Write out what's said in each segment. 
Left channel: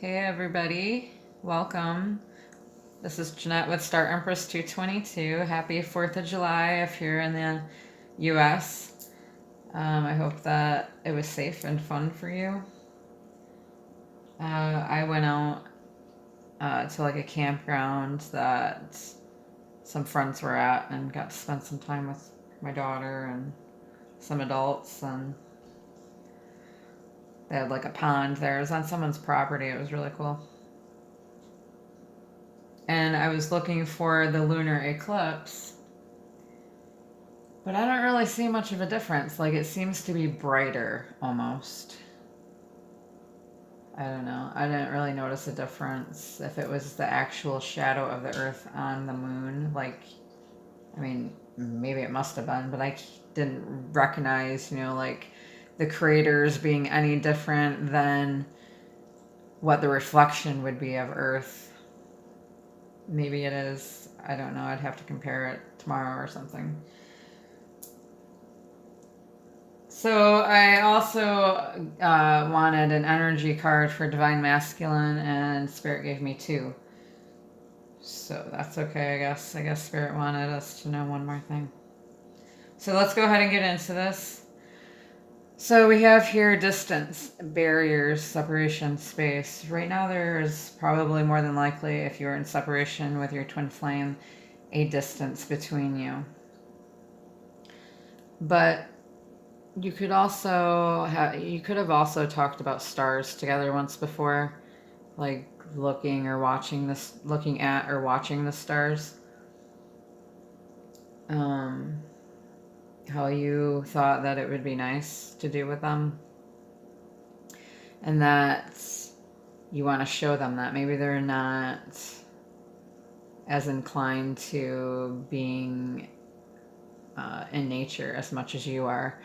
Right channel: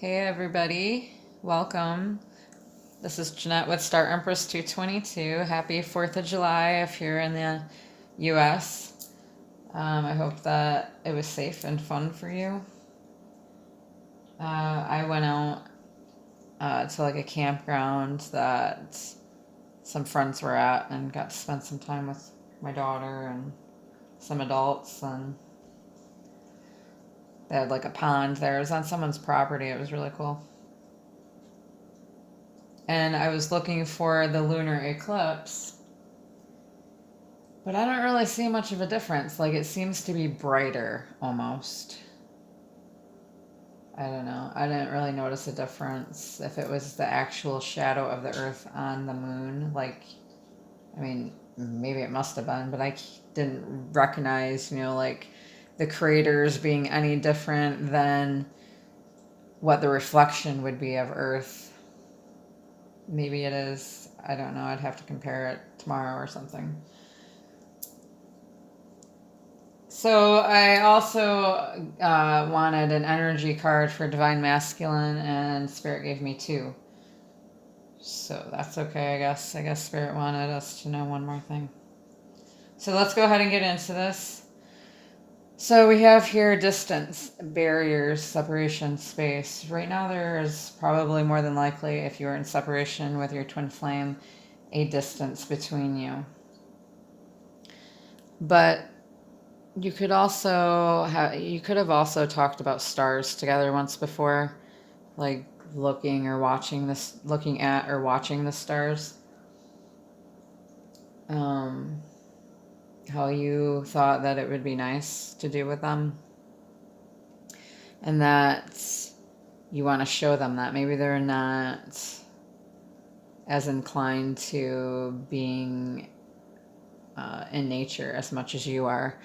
Hey everybody, welcome. This is Jeanette with Star Empress 222. Happy 4th of July if you're in the US. I hope that it was safe and fun for you. I went out to like a campground that some friends were at and got to spend some time with my daughter and some adults, and they had like a pond there. It was on someone's property. It was really cool. And I was looking for the lunar eclipse, but I don't really see much of a difference. Like, it seems to be brighter almost. I don't know. I didn't really notice a difference if it was the actual shadow of the Earth on the moon. Like, I mean, maybe it must have been, but I didn't recognize, like the craters being any different than what the reflection would be of Earth. Maybe it is. I don't know. I'd have to compare it tomorrow or something. So I also wanted an energy card for Divine Masculine, and Spirit gave me 2. So that's okay, I guess. I guess Spirit wanted us to know one more thing. So let's go ahead and get into this. So we have here distance, barriers, separation, space. Right now there's probably more than likely, if you're in separation with your twin flame, a distance between you. But you could have also talked about stars together once before, like looking at or watching the stars. How you thought that it would be nice to do with them, and that you want to show them that maybe they're not as inclined to being in nature as much as you are.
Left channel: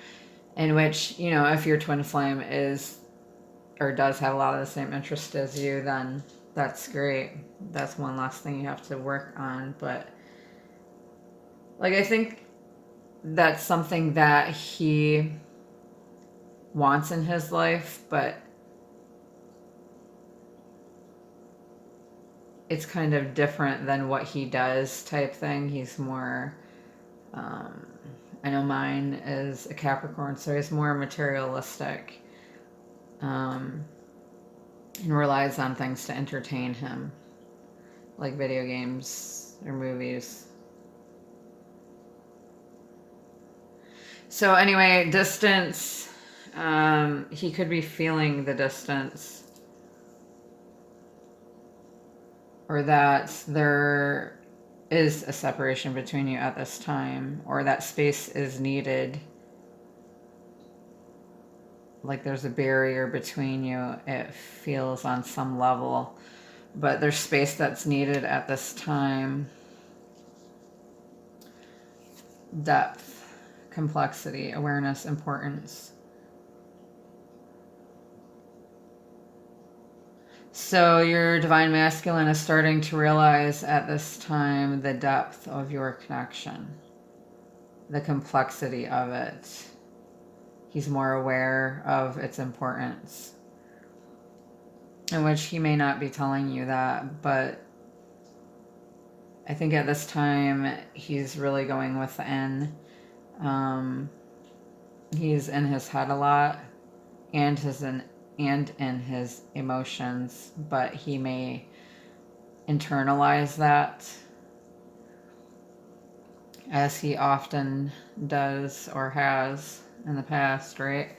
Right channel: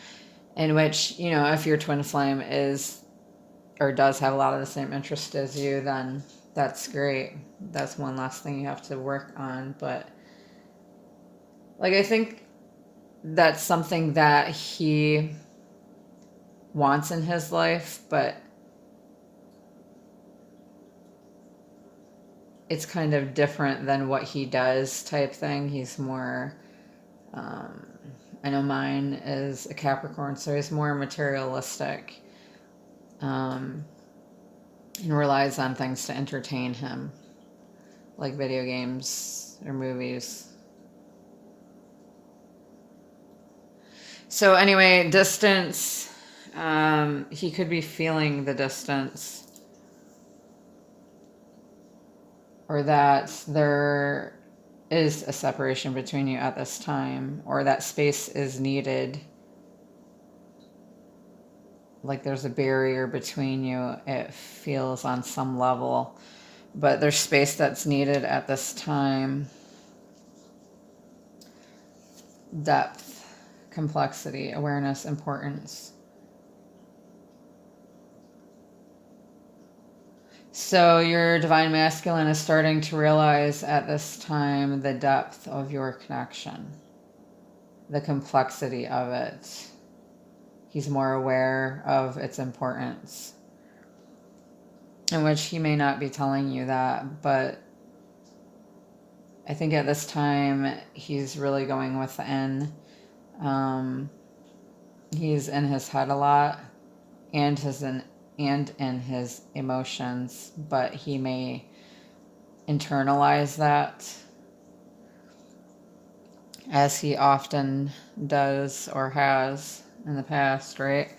In which, if your twin flame is or does have a lot of the same interest as you, then that's great. That's one last thing you have to work on. But like, I think that's something that he wants in his life, but it's kind of different than what he does type thing. He's more, I know mine is a Capricorn, so he's more materialistic, and relies on things to entertain him, like video games or movies. So anyway, distance, he could be feeling the distance, or that there is a separation between you at this time, or that space is needed. Like there's a barrier between you, it feels on some level, but there's space that's needed at this time. Depth, complexity, awareness, importance. So your divine masculine is starting to realize at this time the depth of your connection, the complexity of it. He's more aware of its importance, in which he may not be telling you that, but I think at this time he's really going within. He's in his head a lot, and in his emotions, but he may internalize that, as he often does or has in the past, right?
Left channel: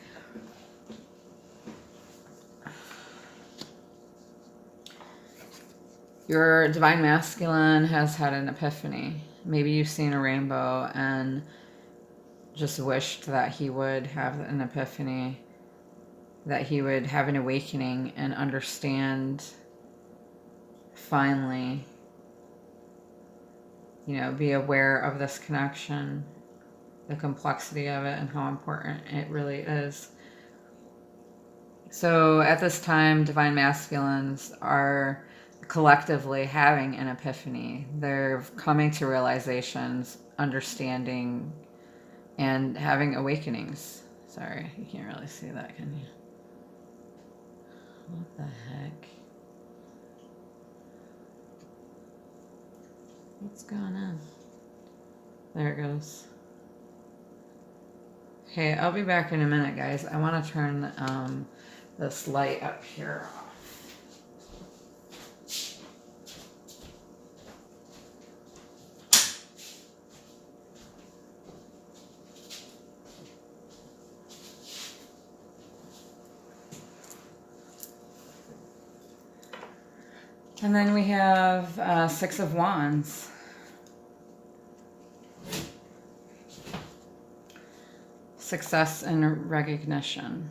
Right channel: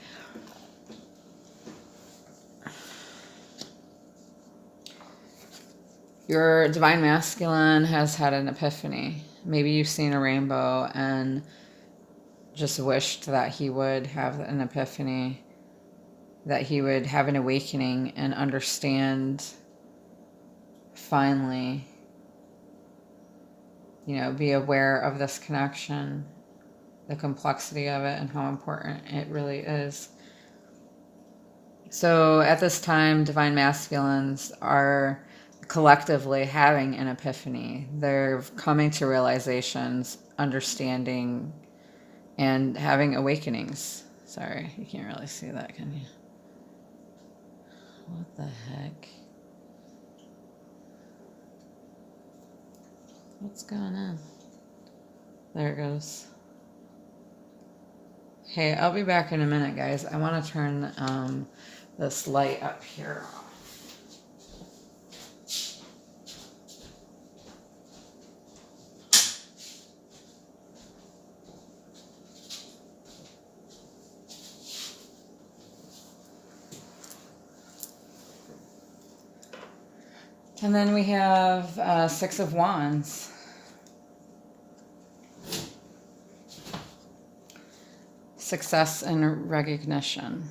Your divine masculine has had an epiphany. Maybe you've seen a rainbow and just wished that he would have an epiphany, that he would have an awakening and understand finally, be aware of this connection, the complexity of it, and how important it really is. So at this time, divine masculines are collectively having an epiphany. They're coming to realizations, understanding, and having awakenings. Sorry, you can't really see that, can you? What the heck? What's going on? There it goes. Hey, I'll be back in a minute, guys. I want to turn this light up here off. And then we have Six of Wands. Success and recognition.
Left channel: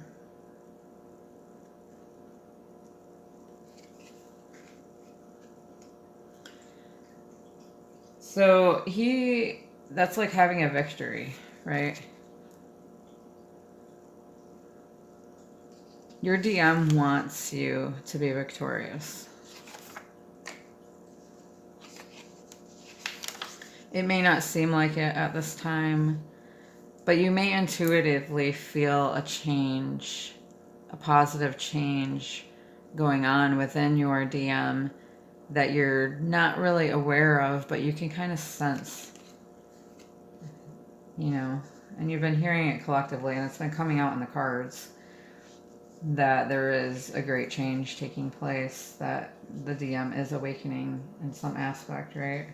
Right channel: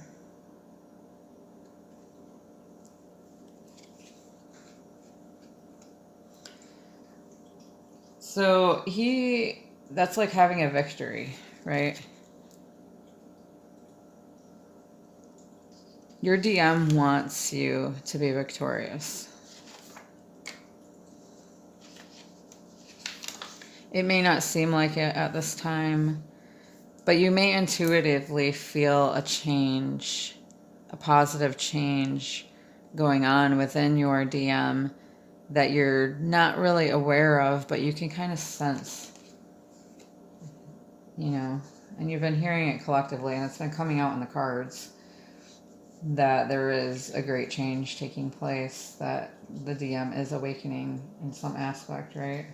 So that's like having a victory, right? Your DM wants you to be victorious. It may not seem like it at this time, but you may intuitively feel a change, a positive change going on within your DM that you're not really aware of, but you can kind of sense, you know, and you've been hearing it collectively, and it's been coming out in the cards, that there is a great change taking place, that the DM is awakening in some aspect, right?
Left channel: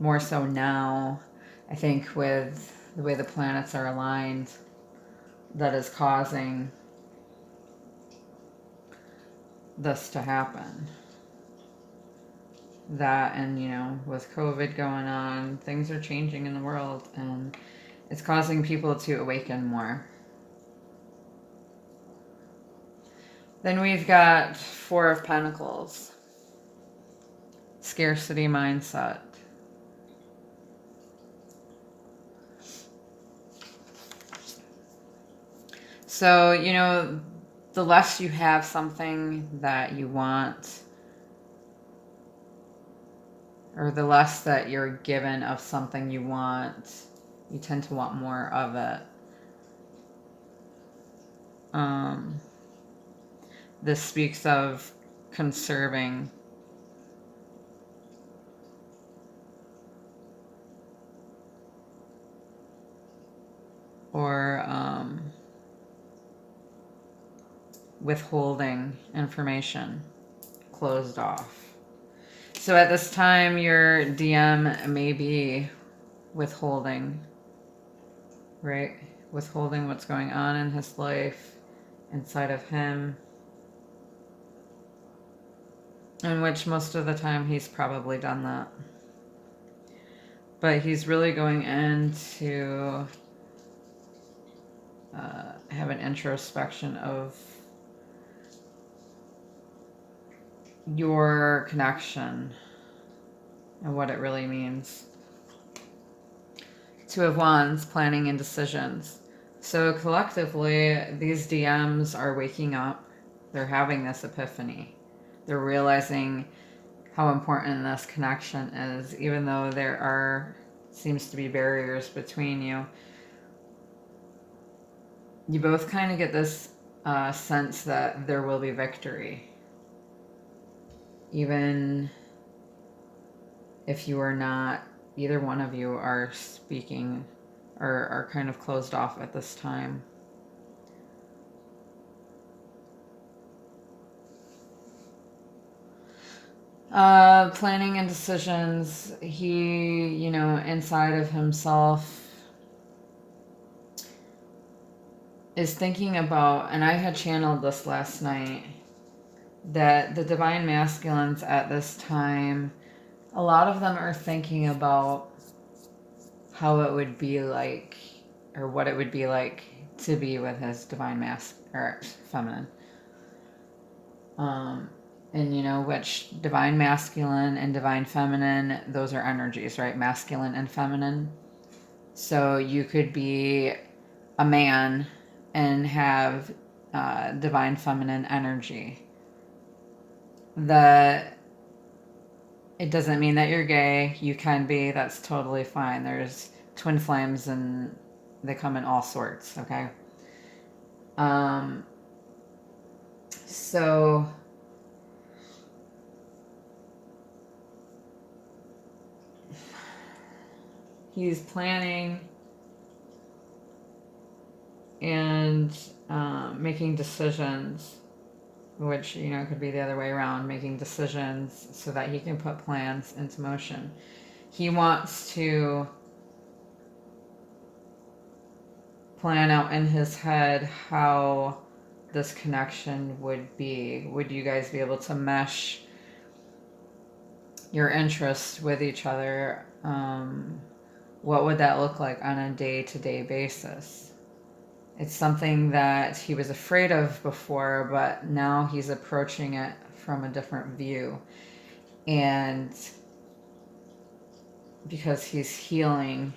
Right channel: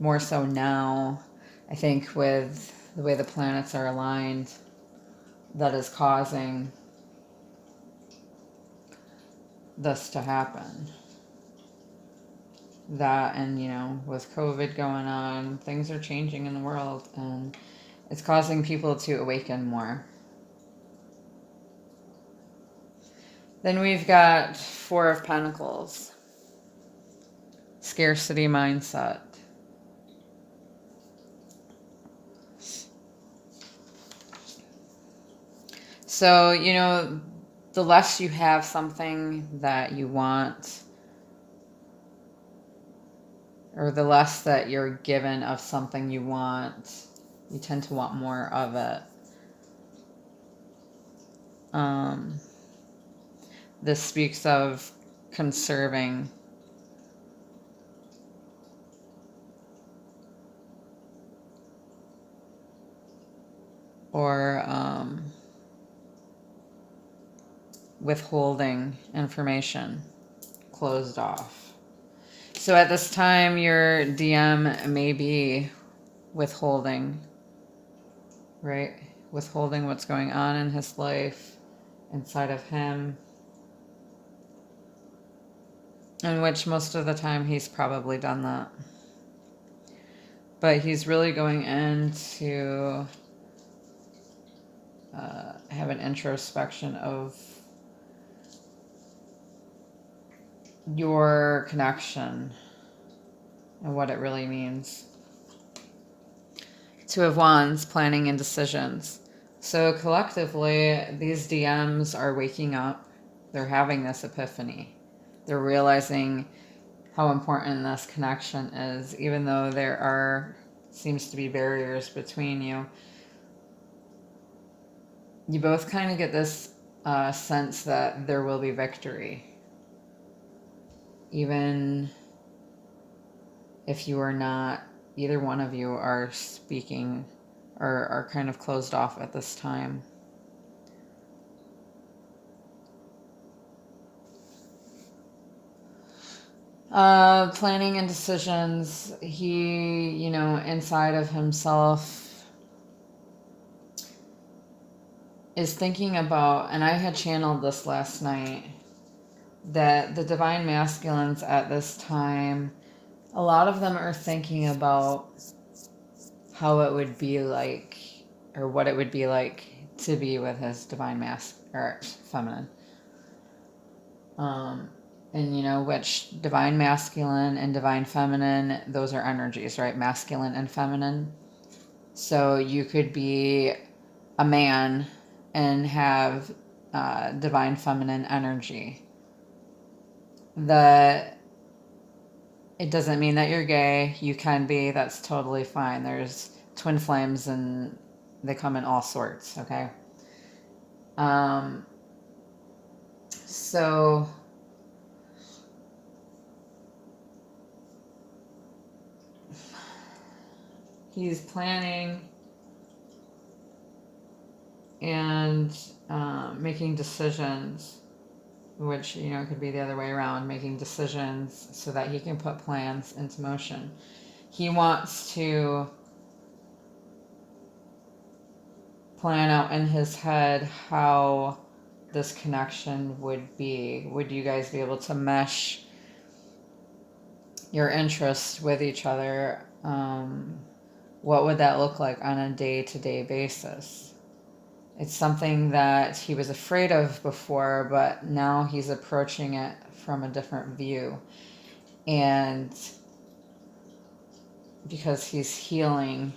More so now, I think, with the way the planets are aligned, that is causing this to happen. That, and you know, with COVID going on, things are changing in the world, and it's causing people to awaken more. Then we've got Four of Pentacles. Scarcity mindset. So, you know, the less you have something that you want, or the less that you're given of something you want, you tend to want more of it. This speaks of conserving. Or withholding information, closed off. So at this time, your DM may be withholding, right? Withholding what's going on in his life, inside of him, in which most of the time he's probably done that. But he's really going in to have an introspection of your connection and what it really means. Two of Wands, planning and decisions. So collectively, these DMs are waking up. They're having this epiphany. They're realizing how important this connection is, even though there seems to be barriers between you. You both kind of get this sense that there will be victory. Even if you are not, either one of you are speaking or are kind of closed off at this time. Planning and decisions. He, you know, inside of himself is thinking about, and I had channeled this last night, that the divine masculines at this time, a lot of them are thinking about how it would be like, or what it would be like to be with his divine or feminine. And you know, which divine masculine and divine feminine, those are energies, right? Masculine and feminine. So you could be a man and have divine feminine energy. It doesn't mean that you're gay. You can be. That's totally fine. There's twin flames and they come in all sorts, okay? So he's planning and making decisions, which, could be the other way around, making decisions so that he can put plans into motion. He wants to plan out in his head how this connection would be. Would you guys be able to mesh your interests with each other? What would that look like on a day-to-day basis? It's something that he was afraid of before, but now he's approaching it from a different view. And because he's healing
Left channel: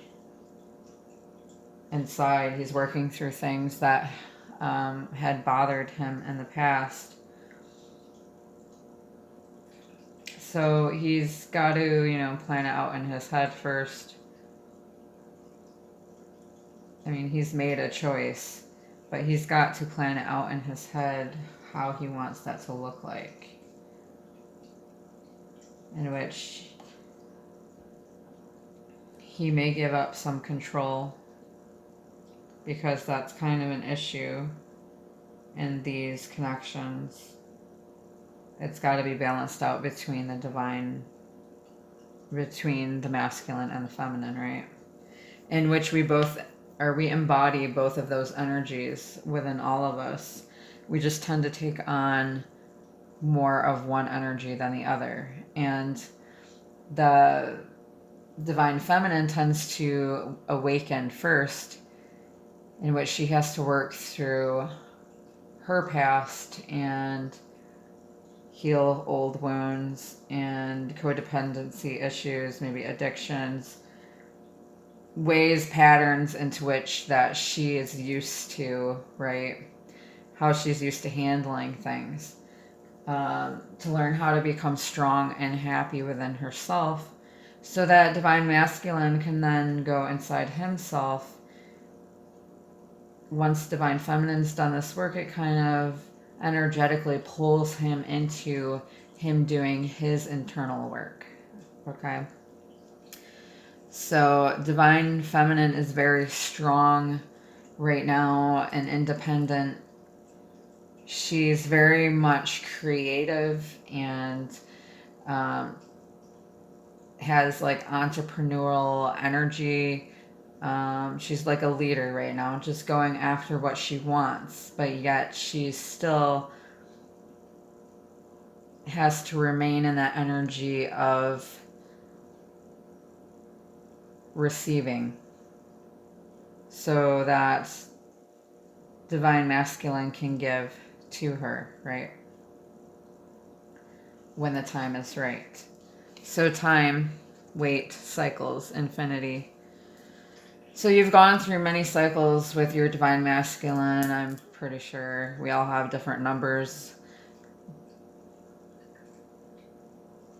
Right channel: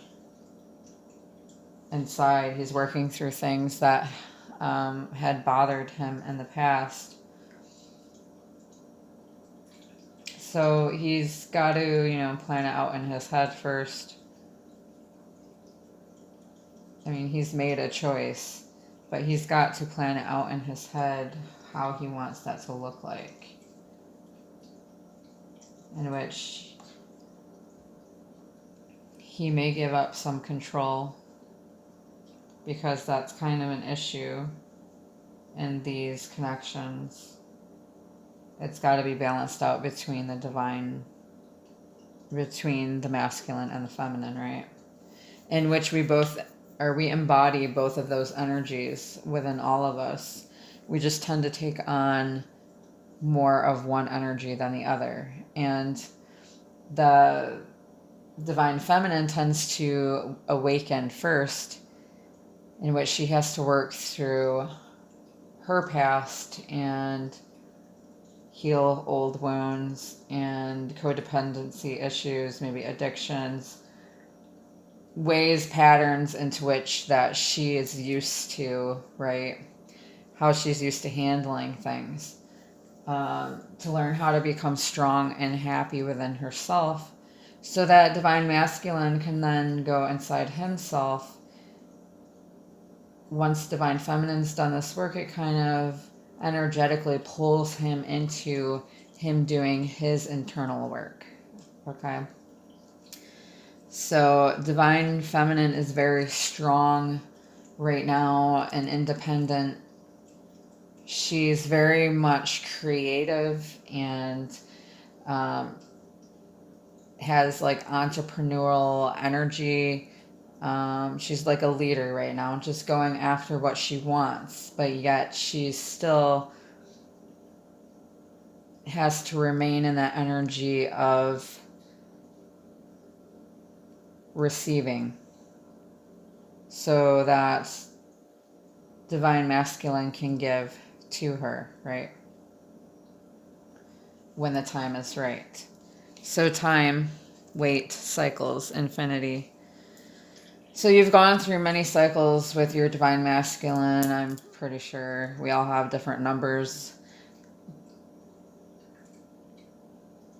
inside, he's working through things that had bothered him in the past. So he's got to, plan it out in his head first. I mean, he's made a choice, but he's got to plan it out in his head how he wants that to look like. In which he may give up some control, because that's kind of an issue in these connections. It's got to be balanced out between the divine, between the masculine and the feminine, right? In which we embody both of those energies within all of us. We just tend to take on more of one energy than the other. And the divine feminine tends to awaken first, in which she has to work through her past and heal old wounds and codependency issues, maybe addictions, patterns into which that she is used to, right? How she's used to handling things. To learn how to become strong and happy within herself, so that divine masculine can then go inside himself. Once divine feminine's done this work, it kind of energetically pulls him into him doing his internal work. Okay? So divine feminine is very strong right now and independent. She's very much creative and has like entrepreneurial energy. She's like a leader right now, just going after what she wants, but yet she still has to remain in that energy of receiving, so that divine masculine can give to her, right? When the time is right. So time, weight, cycles, infinity. So you've gone through many cycles with your divine masculine. I'm pretty sure we all have different numbers.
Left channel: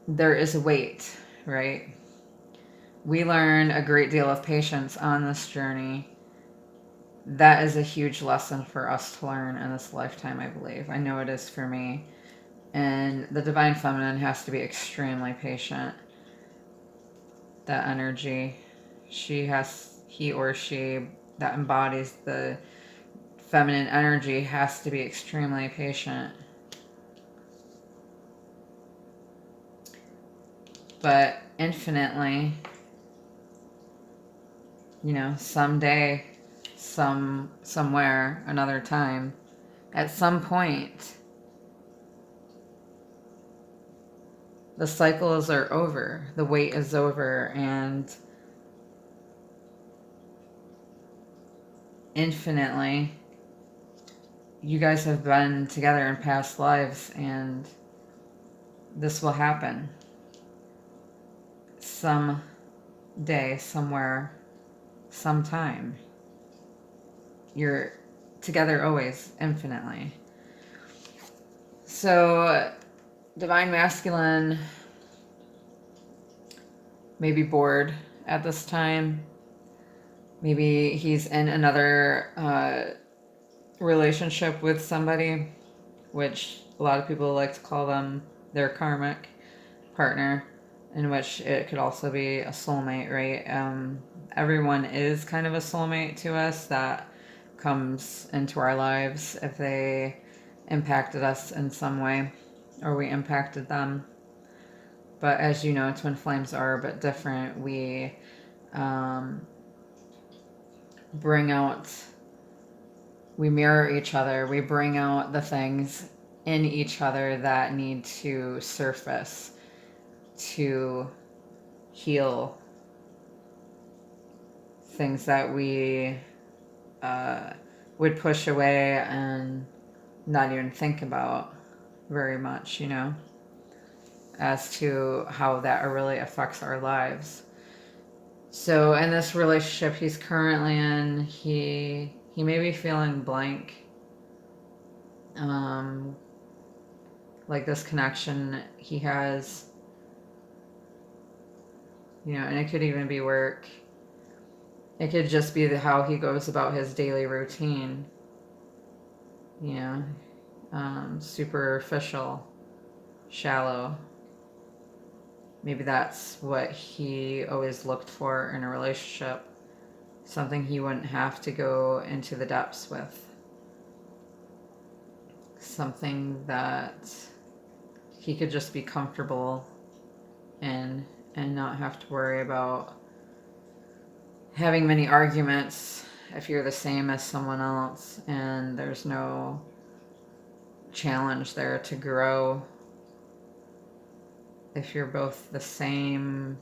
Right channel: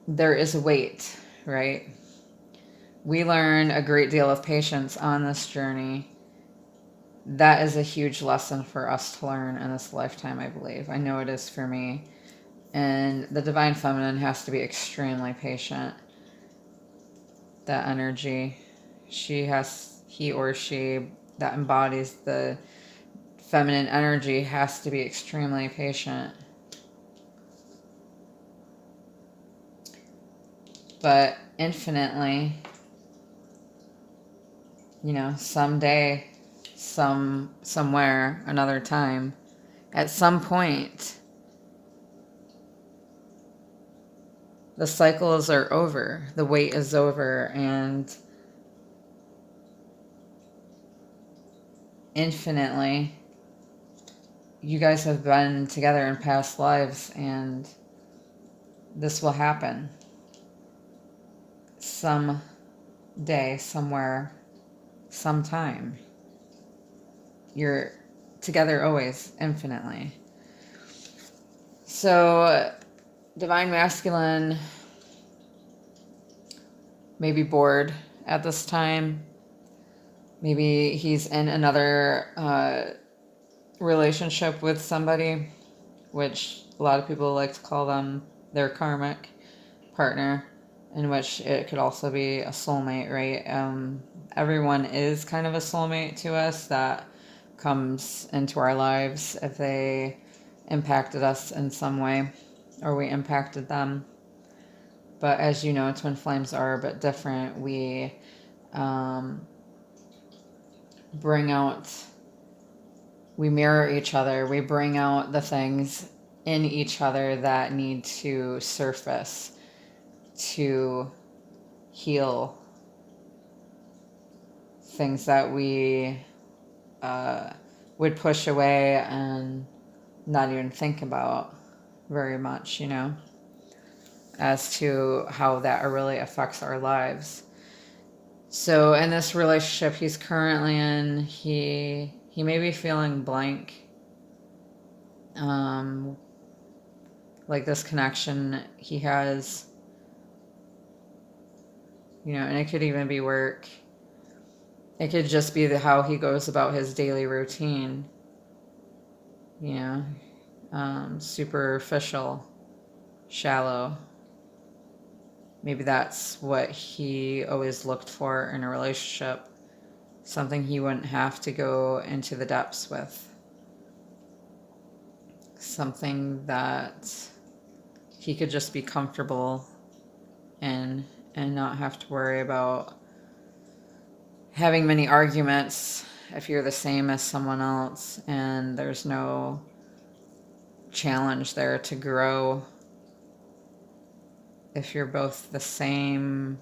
There is a weight, right? We learn a great deal of patience on this journey. That is a huge lesson for us to learn in this lifetime, I believe. I know it is for me. And the divine feminine has to be extremely patient. That energy, he or she that embodies the feminine energy has to be extremely patient. But infinitely, someday, somewhere, another time, at some point, the cycles are over, the wait is over, and infinitely, you guys have been together in past lives, and this will happen. Some day, somewhere, sometime. You're together always, infinitely. So, divine masculine may be bored at this time. Maybe he's in another relationship with somebody, which a lot of people like to call them their karmic partner. in which it could also be a soulmate, right? Everyone is kind of a soulmate to us that comes into our lives if they impacted us in some way or we impacted them. But as you know, twin flames are a bit different. We bring out, we mirror each other. We bring out the things in each other that need to surface to heal things that we would push away and not even think about very much, as to how that really affects our lives. So in this relationship he's currently in, he may be feeling blank. Like this connection he has, and it could even be work. It could just be how he goes about his daily routine, superficial, shallow. Maybe that's what he always looked for in a relationship, something he wouldn't have to go into the depths with, something that he could just be comfortable in and not have to worry about having many arguments if you're the same as someone else and there's no challenge there to grow. If you're both the same,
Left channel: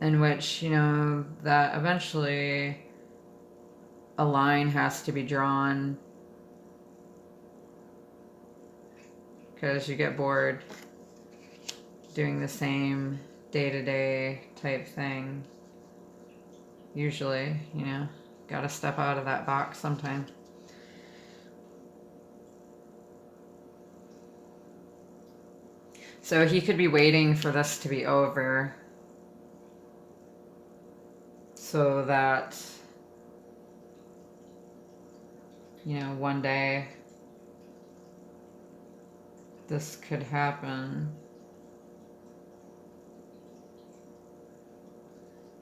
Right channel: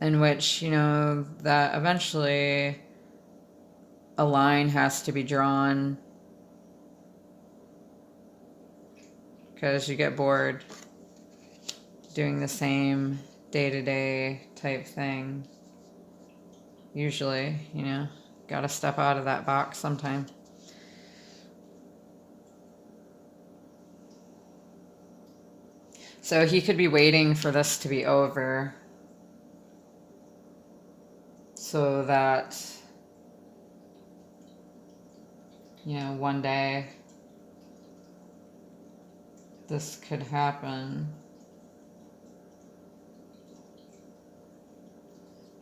in which, that eventually a line has to be drawn because you get bored doing the same day-to-day type thing. Usually, gotta step out of that box sometime. So he could be waiting for this to be over so that, one day this could happen.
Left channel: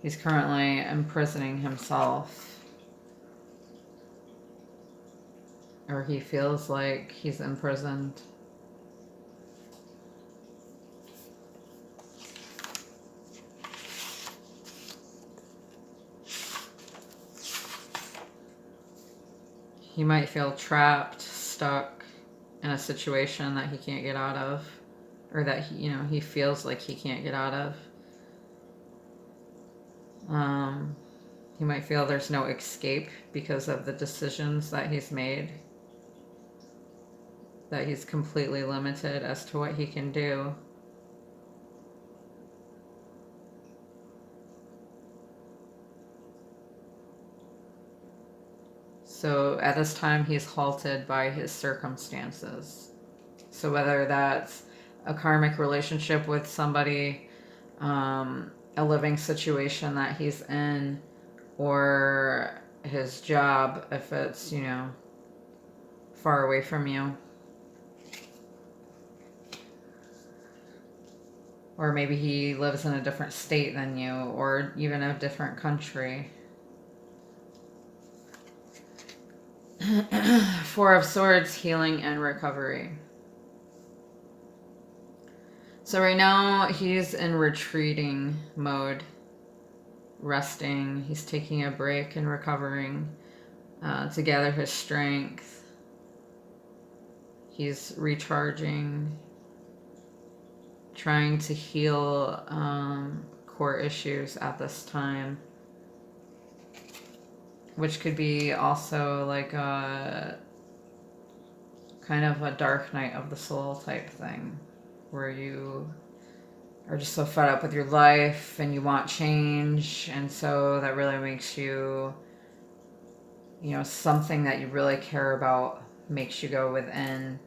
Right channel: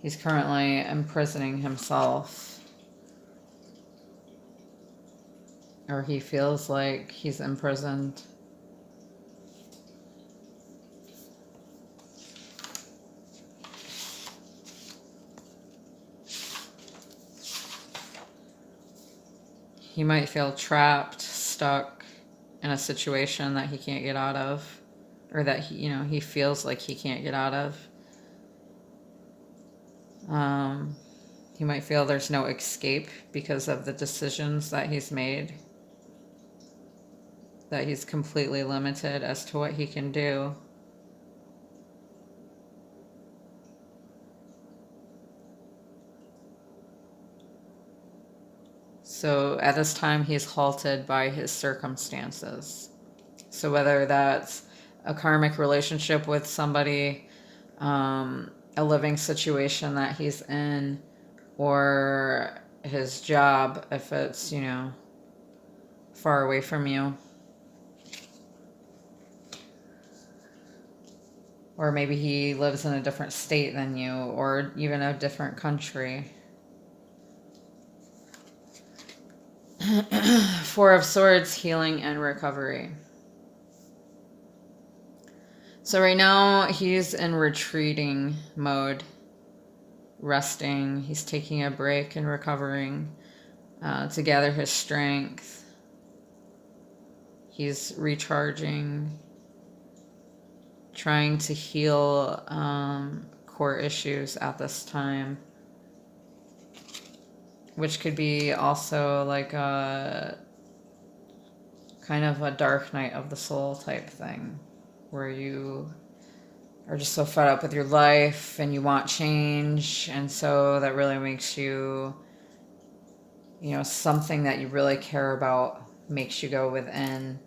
He's currently imprisoning himself, or he feels like he's imprisoned. He might feel trapped, stuck in a situation that he can't get out of, or that he feels like he can't get out of. He might feel there's no escape because of the decisions that he's made, that he's completely limited as to what he can do. So at this time, he's halted by his circumstances. So whether that's a karmic relationship with somebody, a living situation that he's in, or his job, if it's, far away from you. Or maybe he lives in a different state than you, or even a different country. Four of Swords, healing and recovery. So right now he's in retreating mode, resting. He's taking a break and recovering to gather his strength. He's recharging, trying to heal core issues at this time, which could be also like a kind of a dark night of the soul type thing, where you are just so fed up with your life and you want change, and so that really makes you, something that you really care about makes you go within.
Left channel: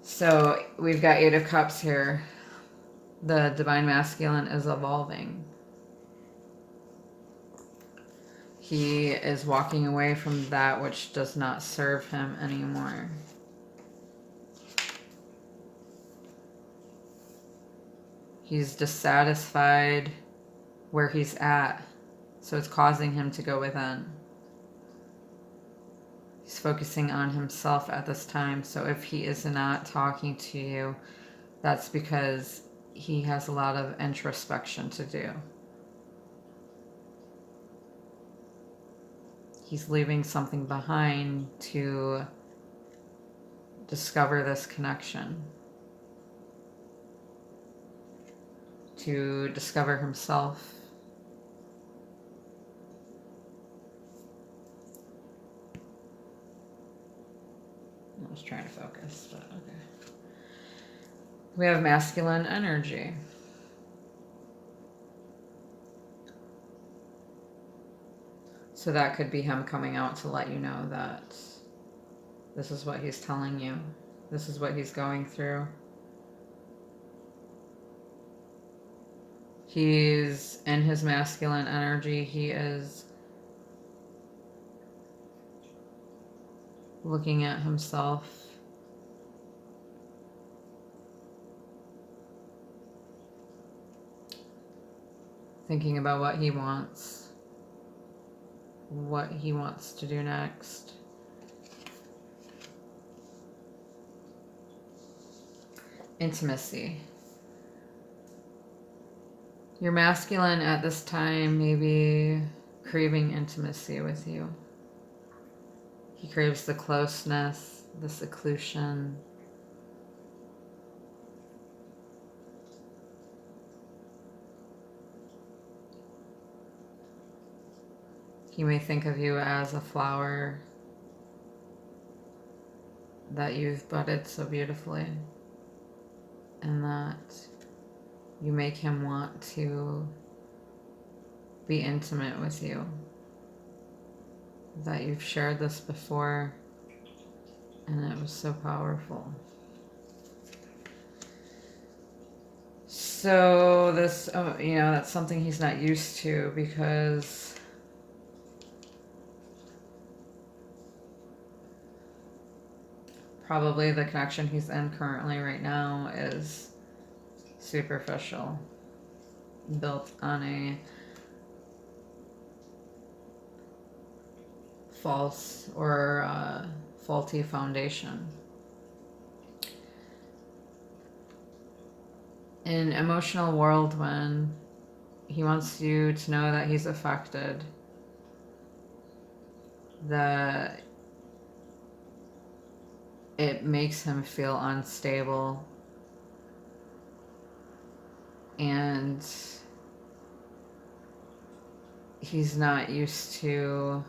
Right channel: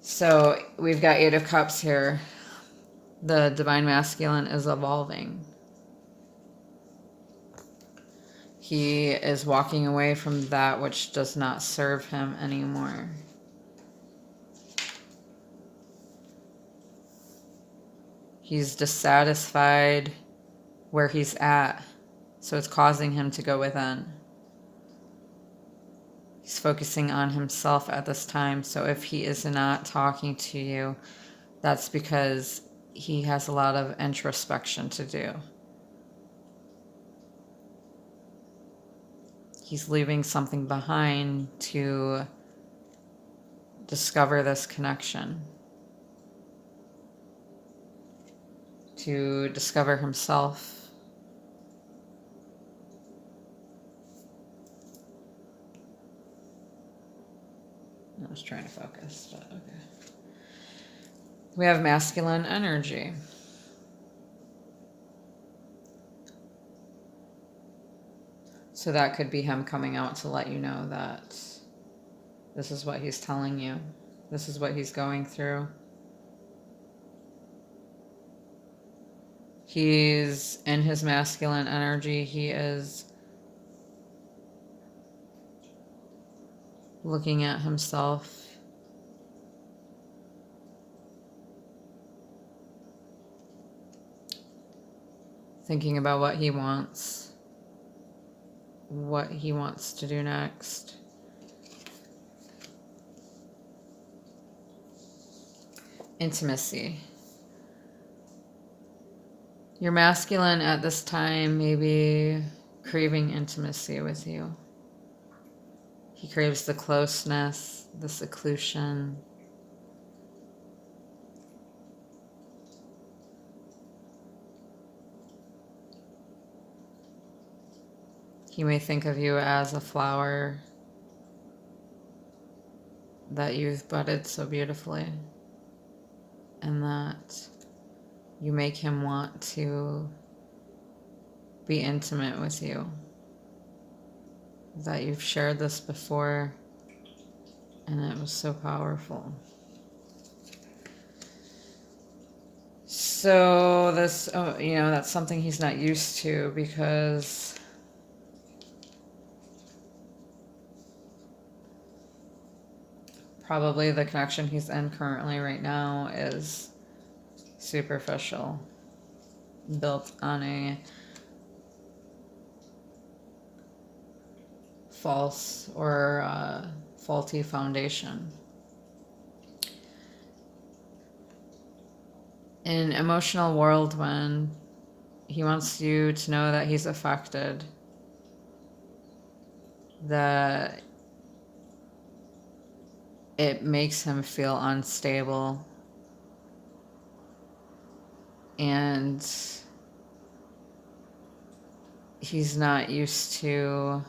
So we've got Eight of Cups here. The Divine Masculine is evolving. He is walking away from that which does not serve him anymore. He's dissatisfied where he's at, so it's causing him to go within. He's focusing on himself at this time, so if he is not talking to you, that's because he has a lot of introspection to do. He's leaving something behind to discover this connection, to discover himself. I was trying to focus, but okay. We have masculine energy. So that could be him coming out to let you know that this is what he's telling you. This is what he's going through. He's in his masculine energy. He is looking at himself. Thinking about what he wants to do next. Intimacy. Your masculine at this time may be craving intimacy with you. He craves the closeness, the seclusion. He may think of you as a flower that you've budded so beautifully, and that you make him want to be intimate with you. That you've shared this before, and it was so powerful. So this, that's something he's not used to, because probably the connection he's in currently right now is superficial, built on a false or faulty foundation. In emotional whirlwind, he wants you to know that he's affected, that it makes him feel unstable, and he's not used to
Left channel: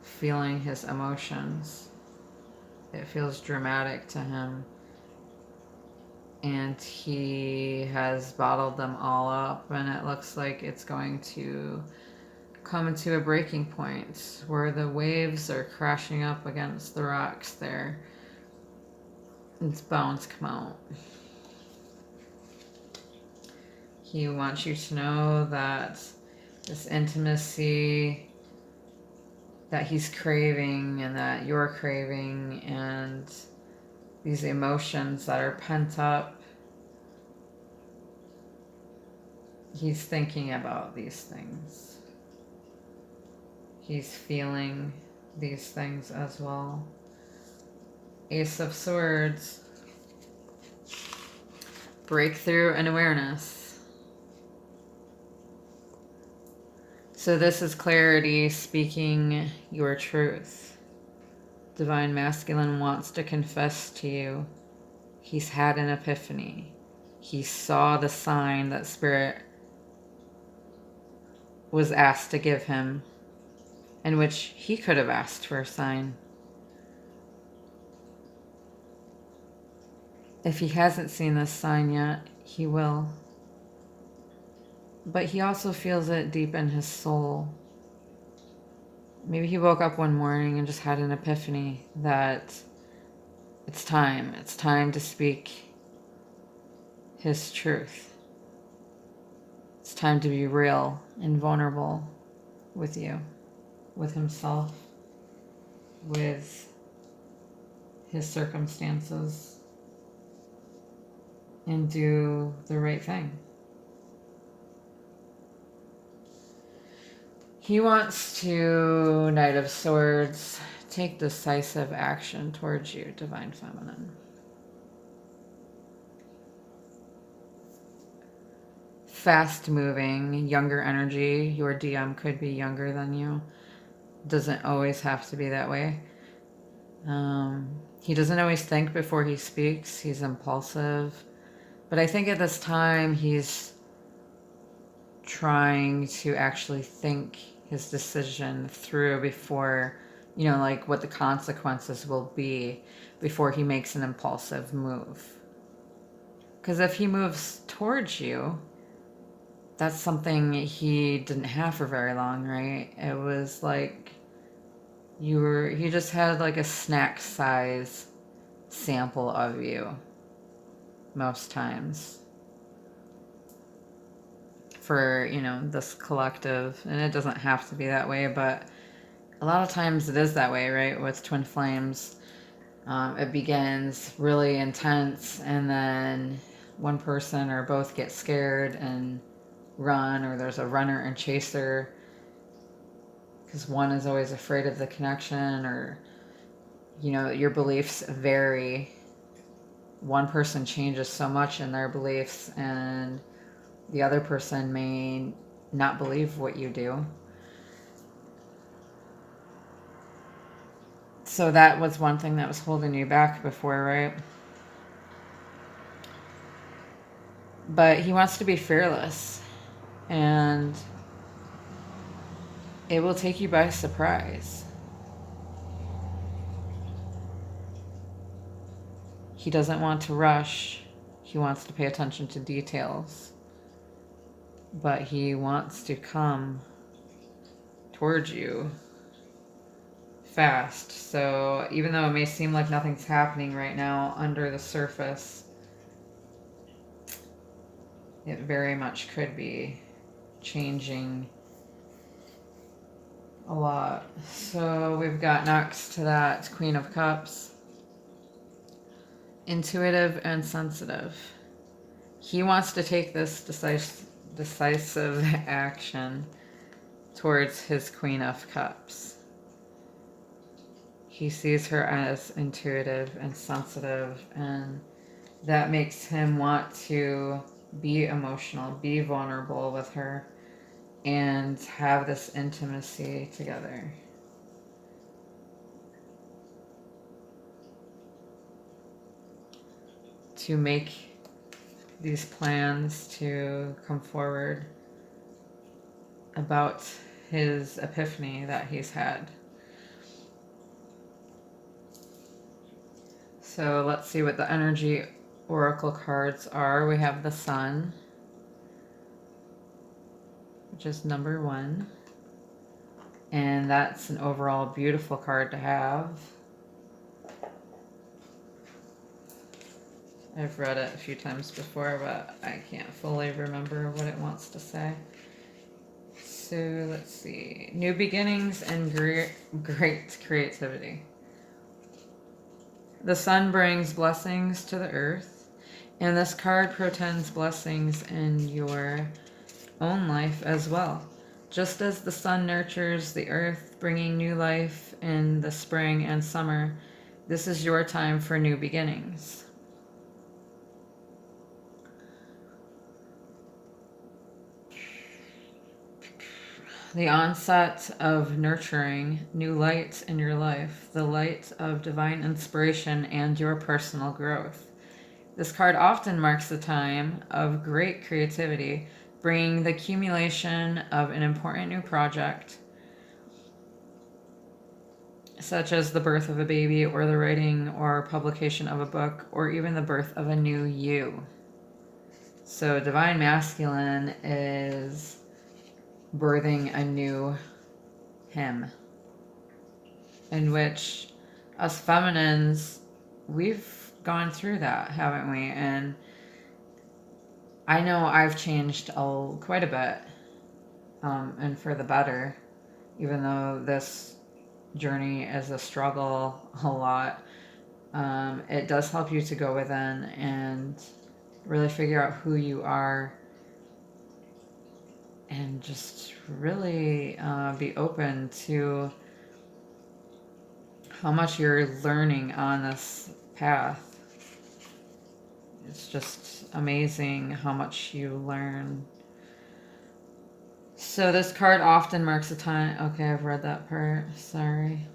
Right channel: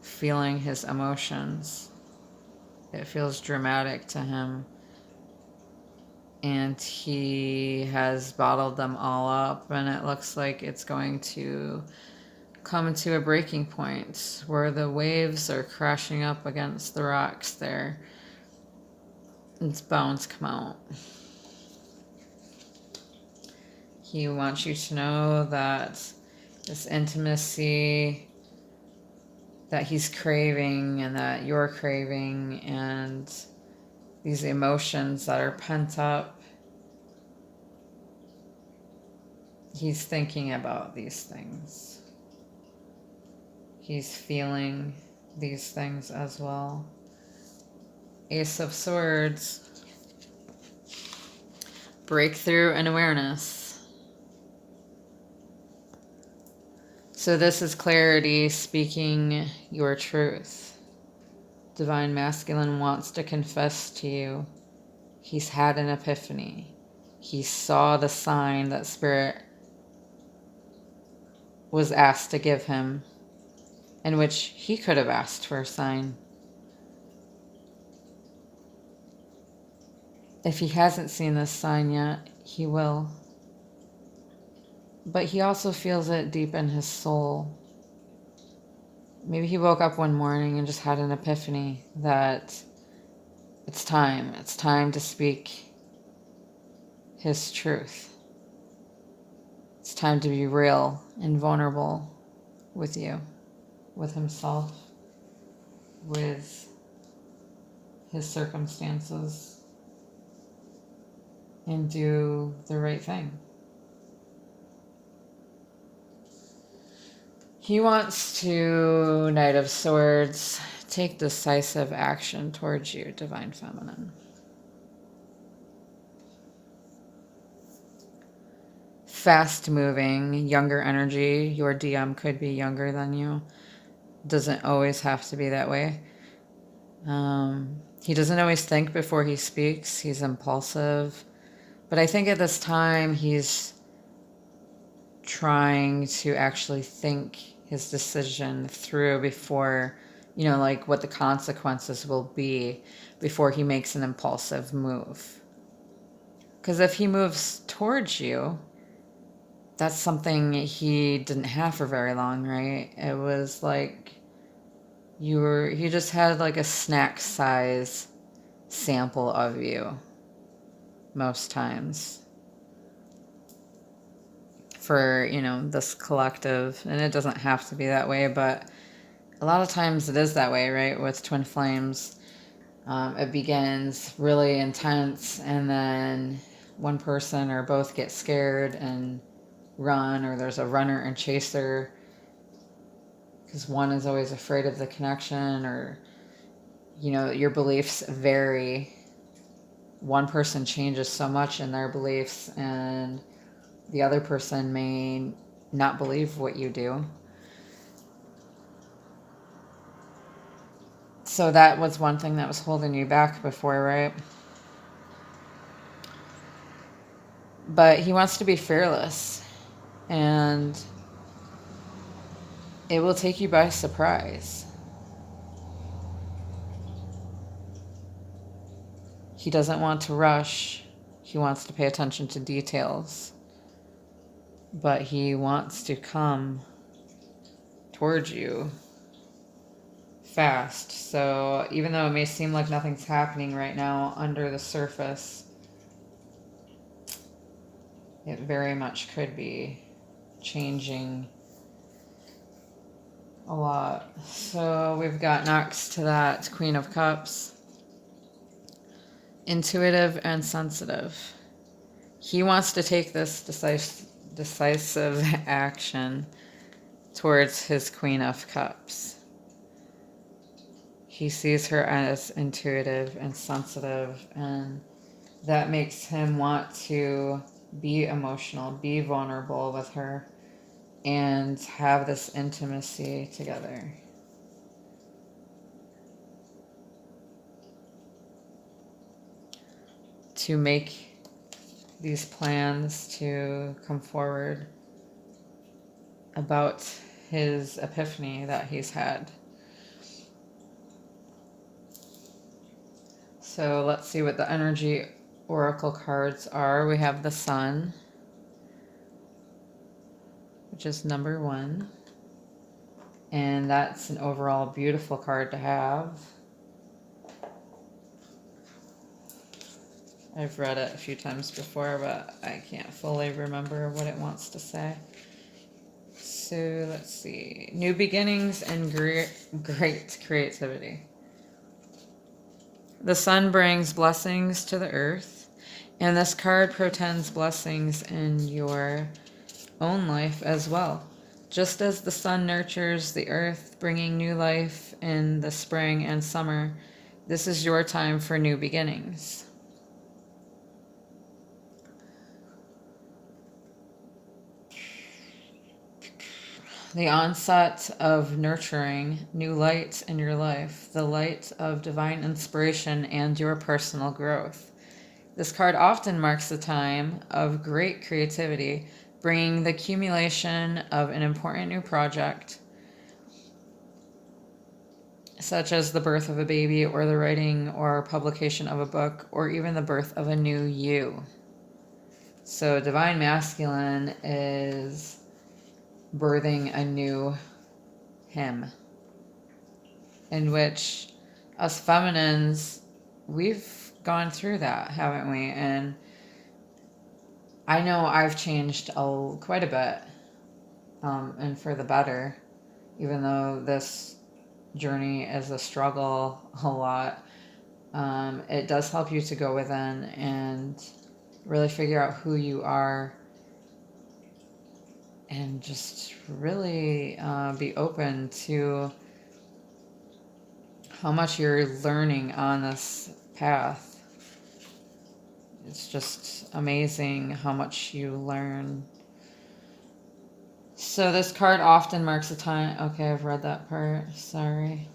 feeling his emotions. It feels dramatic to him, and he has bottled them all up, and it looks like it's going to come to a breaking point where the waves are crashing up against the rocks there. It's bound to come out. He wants you to know that this intimacy that he's craving and that you're craving, and these emotions that are pent up, he's thinking about these things. He's feeling these things as well. Ace of Swords. Breakthrough and awareness. So this is clarity, speaking your truth. Divine Masculine wants to confess to you. He's had an epiphany. He saw the sign that Spirit was asked to give him, in which he could have asked for a sign. If he hasn't seen this sign yet, he will. But he also feels it deep in his soul. Maybe he woke up one morning and just had an epiphany that it's time. It's time to speak his truth. It's time to be real and vulnerable with you, with himself, with his circumstances. and do the right thing. He wants to, Knight of Swords, take decisive action towards you, Divine Feminine. Fast moving, younger energy. Your DM could be younger than you. Doesn't always have to be that way. He doesn't always think before he speaks. He's impulsive. But I think at this time he's trying to actually think his decision through before, like what the consequences will be before he makes an impulsive move. Because if he moves towards you, that's something he didn't have for very long, right? It was like he just had like a snack size sample of you most times for, this collective. And it doesn't have to be that way, but a lot of times it is that way, right? With twin flames, it begins really intense, and then one person or both get scared and run, or there's a runner and chaser because one is always afraid of the connection, or your beliefs vary. One person changes so much in their beliefs, and the other person may not believe what you do. So that was one thing that was holding you back before, right? But he wants to be fearless, and it will take you by surprise. He doesn't want to rush. He wants to pay attention to details. But he wants to come towards you fast. So even though it may seem like nothing's happening right now under the surface, it very much could be changing a lot. So we've got next to that Queen of Cups. Intuitive and sensitive. He wants to take this decisive action towards his Queen of Cups. He sees her as intuitive and sensitive, and that makes him want to be emotional, be vulnerable with her, and have this intimacy together. To make these plans to come forward about his epiphany that he's had. So let's see what the energy oracle cards are. We have the Sun, which is number 1. And that's an overall beautiful card to have. I've read it a few times before, but I can't fully remember what it wants to say. So let's see. New beginnings and great creativity. The Sun brings blessings to the earth, and this card portends blessings in your own life as well. Just as the sun nurtures the earth, bringing new life in the spring and summer, this is your time for new beginnings. The onset of nurturing, new light in your life, the light of divine inspiration and your personal growth. This card often marks the time of great creativity, bringing the accumulation of an important new project, such as the birth of a baby, or the writing or publication of a book, or even the birth of a new you. So Divine Masculine is birthing a new him, in which us feminines, we've gone through that, haven't we? And I know I've changed quite a bit, and for the better, even though this journey is a struggle a lot. It does help you to go within and Really figure out who you are and just really be open to how much you're learning on this path. It's just amazing how much you learn. So this card often marks a time. Okay, I've read that part. Sorry.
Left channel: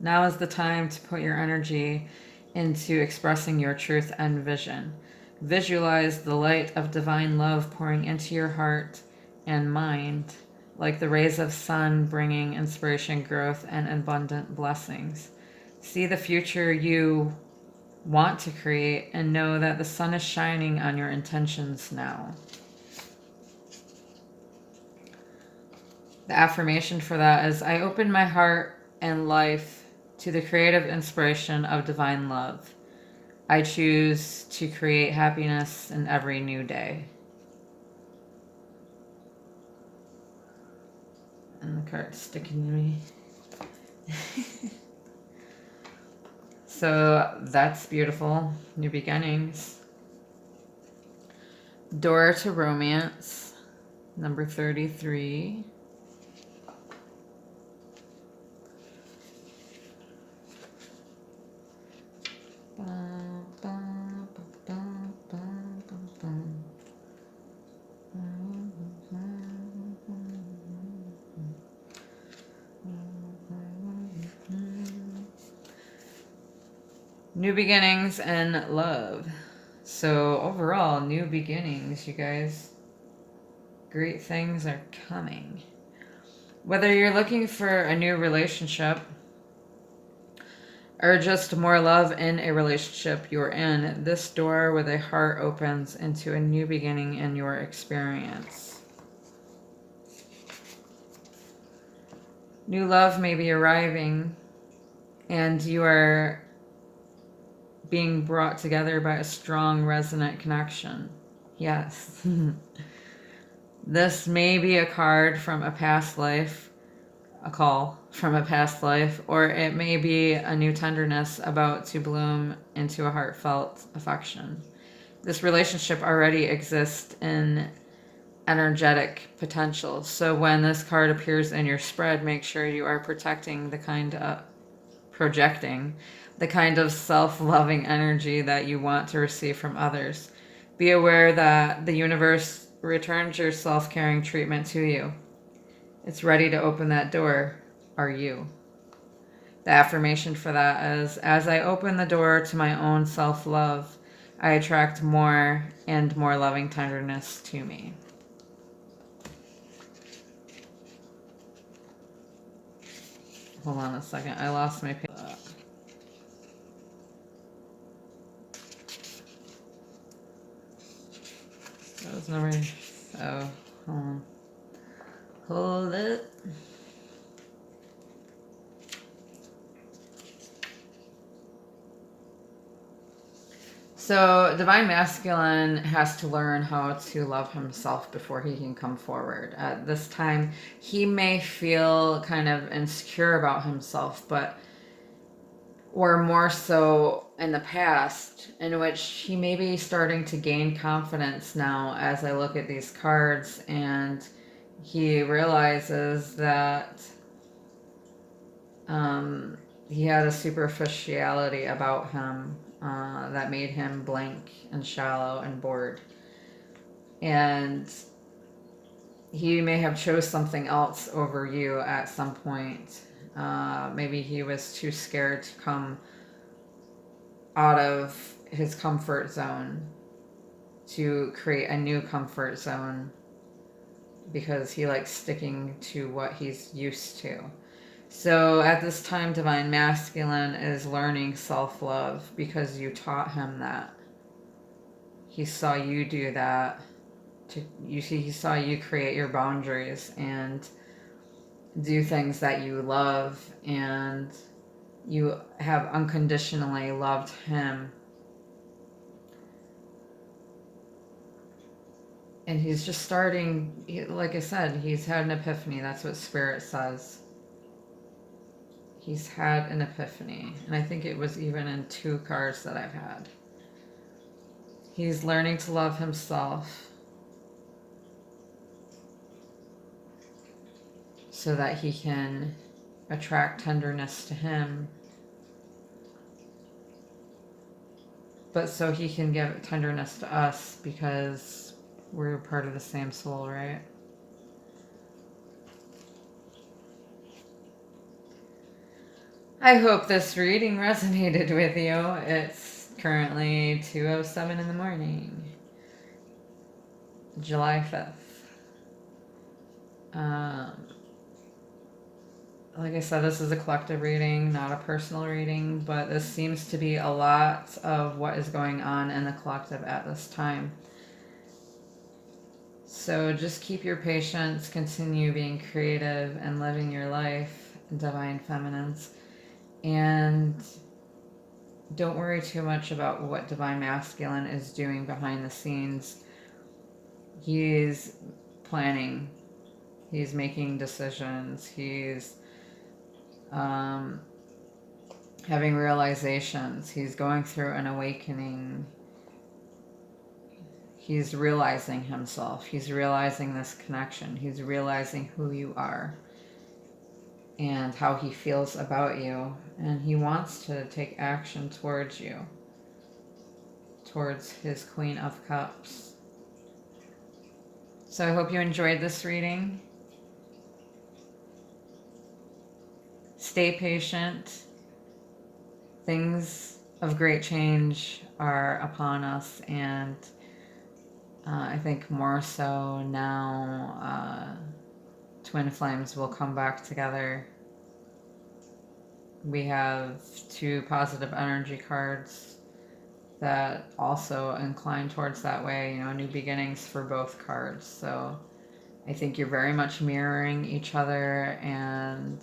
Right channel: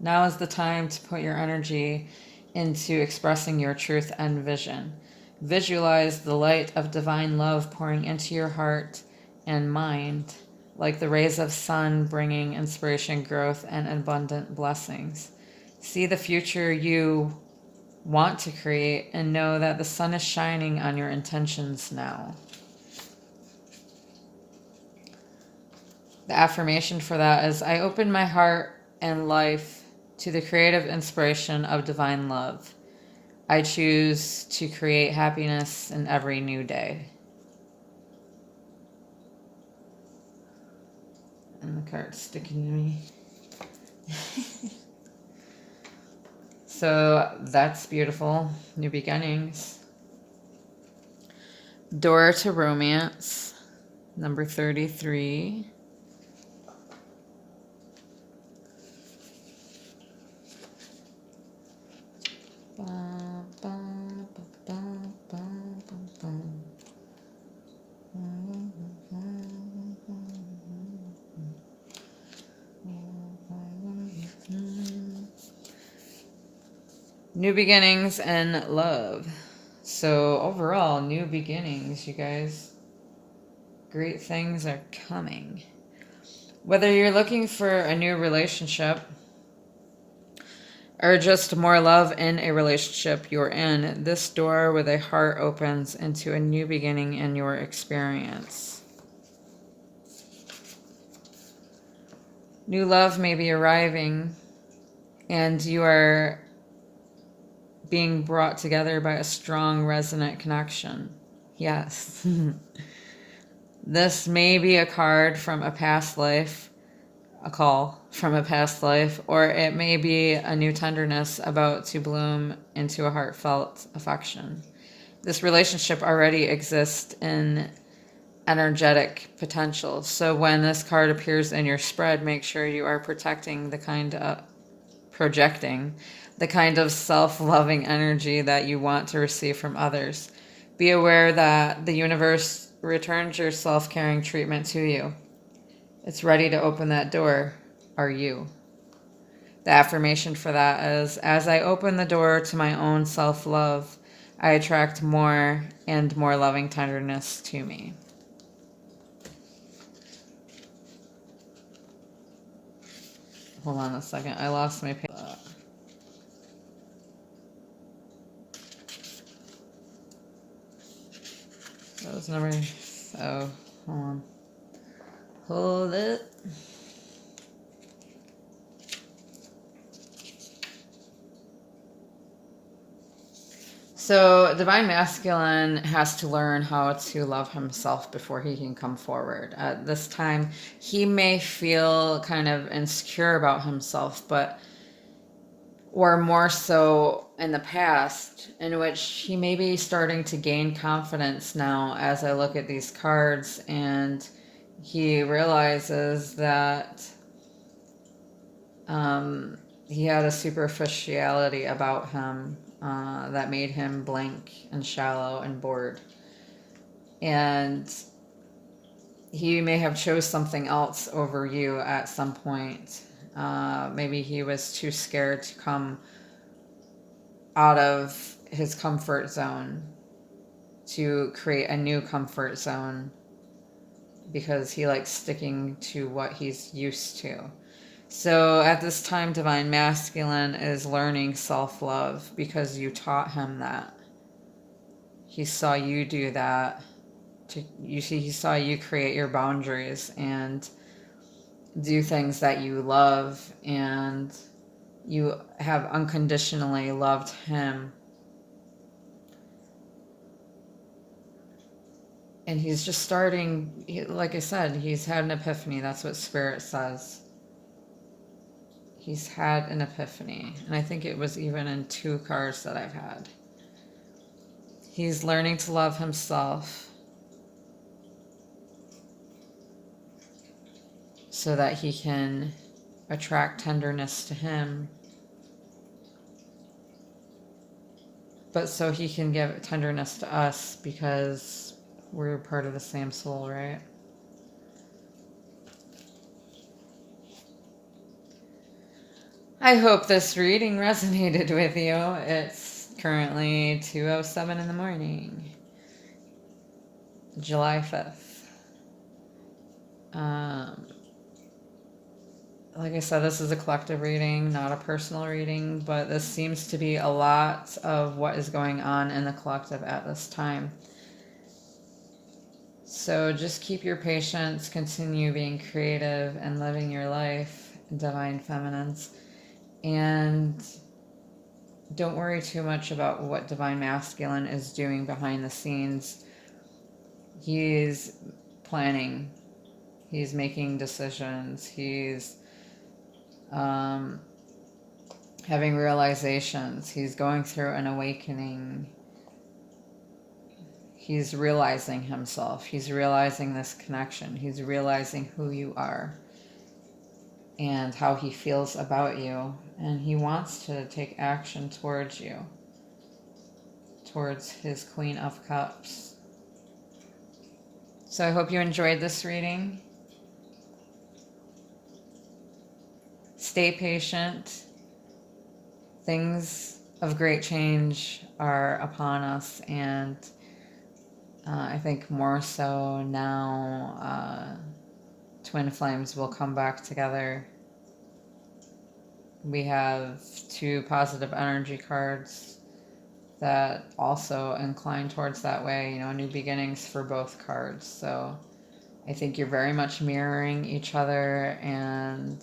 Now is the time to put your energy into expressing your truth and vision. Visualize the light of divine love pouring into your heart and mind, like the rays of sun bringing inspiration, growth, and abundant blessings. See the future you want to create and know that the sun is shining on your intentions now. The affirmation for that is, I open my heart and life to the creative inspiration of divine love. I choose to create happiness in every new day. And the card's sticking to me. So that's beautiful. New beginnings. Door to Romance, number 33. New beginnings and love. So overall, new beginnings, you guys. Great things are coming. Whether you're looking for a new relationship or just more love in a relationship you're in, this door with a heart opens into a new beginning in your experience. New love may be arriving, and you are being brought together by a strong, resonant connection. Yes. This may be a card from a past life, a call from a past life, or it may be a new tenderness about to bloom into a heartfelt affection. This relationship already exists in energetic potential. So when this card appears in your spread, make sure you are projecting the kind of self-loving energy that you want to receive from others. Be aware that the universe returns your self-caring treatment to you. It's ready to open that door. Are you? The affirmation for that is, as I open the door to my own self-love, I attract more and more loving tenderness to me. Hold on a second. I lost my page. That was number. Oh, hold on. Hold it. So, Divine Masculine has to learn how to love himself before he can come forward. At this time, he may feel kind of insecure about himself, or more so in the past, in which he may be starting to gain confidence now as I look at these cards, and he realizes that he had a superficiality about him that made him blank and shallow and bored. And he may have chose something else over you at some point. Maybe he was too scared to come out of his comfort zone to create a new comfort zone because he likes sticking to what he's used to. So at this time, Divine Masculine is learning self-love because you taught him that. He saw you do that. He saw you create your boundaries and do things that you love, and you have unconditionally loved him. And he's just starting, like I said, he's had an epiphany. That's what Spirit says. He's had an epiphany. And I think it was even in 2 cards that I've had. He's learning to love himself so that he can attract tenderness to him, but so he can give tenderness to us because we're part of the same soul, right? I hope this reading resonated with you. It's currently 2:07 in the morning, July 5th. Like I said, this is a collective reading, not a personal reading, but this seems to be a lot of what is going on in the collective at this time. So just keep your patience, continue being creative and living your life, divine feminines. And don't worry too much about what divine masculine is doing behind the scenes. He's planning, he's making decisions, he's having realizations, he's going through an awakening, he's realizing himself, he's realizing this connection, he's realizing who you are and how he feels about you, and he wants to take action towards you, towards his Queen of Cups. So I hope you enjoyed this reading. Stay patient. Things of great change are upon us, and I think more so now, twin flames will come back together. We have 2 positive energy cards that also incline towards that way, new beginnings for both cards. So I think you're very much mirroring each other and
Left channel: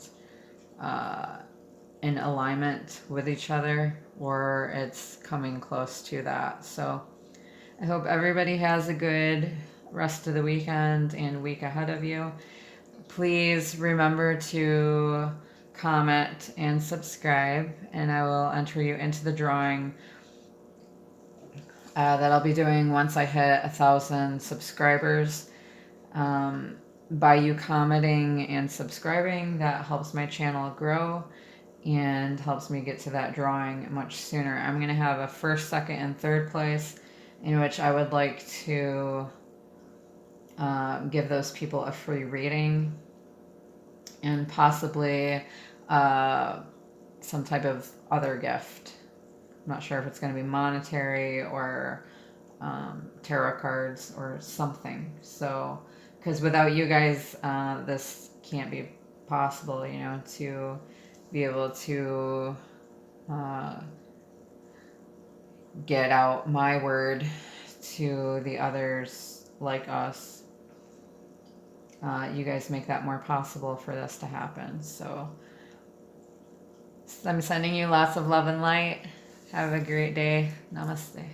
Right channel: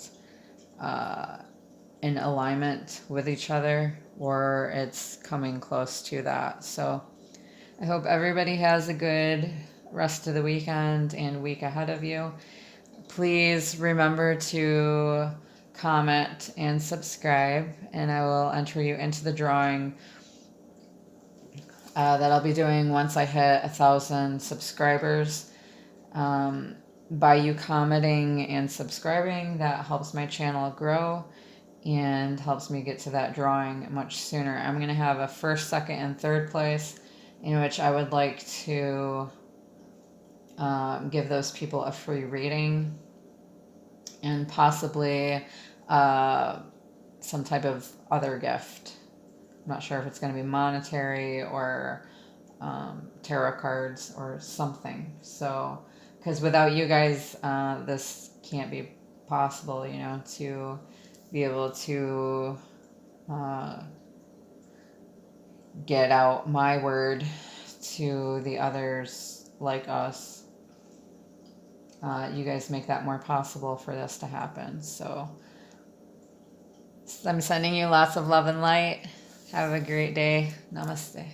in alignment with each other, or it's coming close to that. So I hope everybody has a good rest of the weekend and week ahead of you. Please remember to comment and subscribe, and I will enter you into the drawing that I'll be doing once I hit 1,000 subscribers. By you commenting and subscribing, that helps my channel grow and helps me get to that drawing much sooner. I'm going to have a first, second, and third place, in which I would like to give those people a free reading and possibly some type of other gift. I'm not sure if it's going to be monetary or tarot cards or something. So, because without you guys, this can't be possible, to be able to get out my word to the others like us. You guys make that more possible for this to happen. So I'm sending you lots of love and light. Have a great day. Namaste.